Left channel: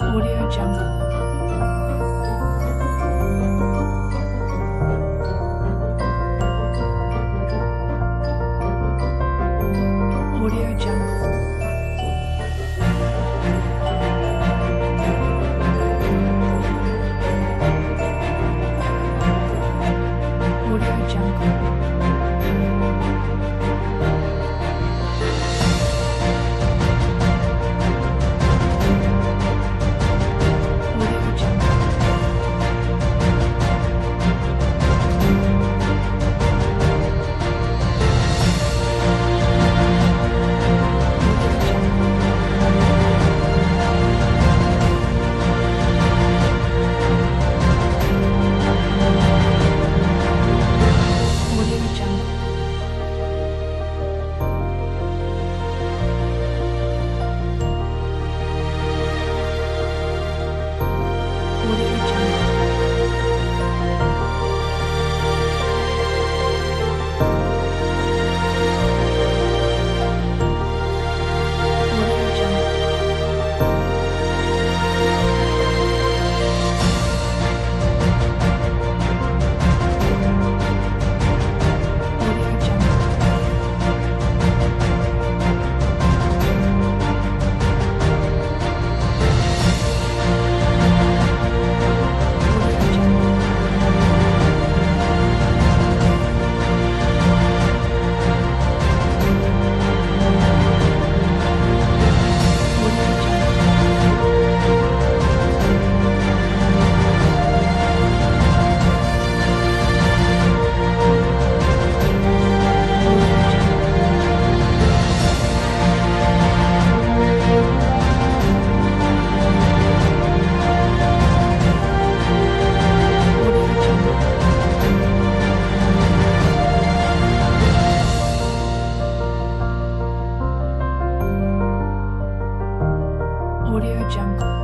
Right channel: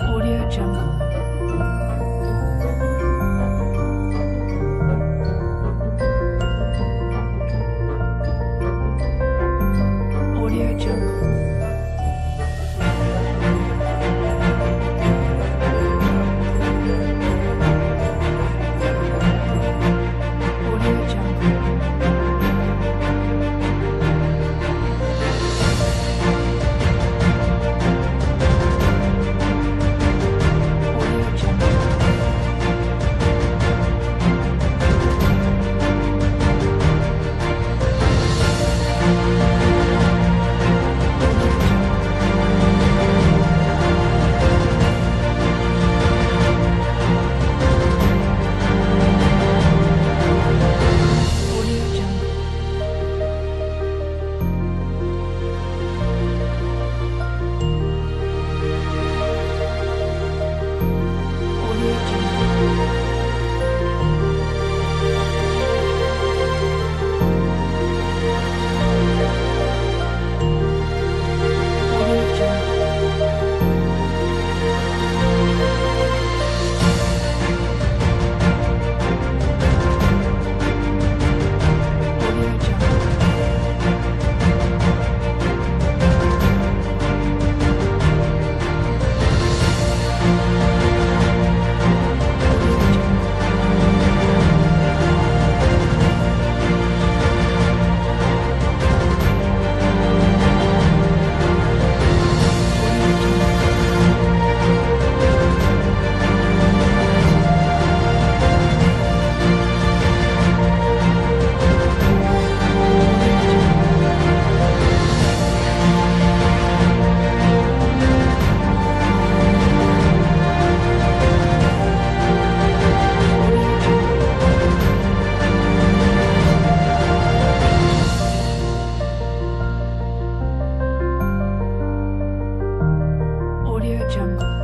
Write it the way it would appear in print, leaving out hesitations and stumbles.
Audio Jungle. Audio Jungle. Audio Jungle. Audio Jungle. Audio Jungle. Audio Jungle. Audio Jungle. Audio Jungle. Audio Jungle. Audio Jungle. Audio Jungle. Audio Jungle. Audio Jungle. Audio Jungle.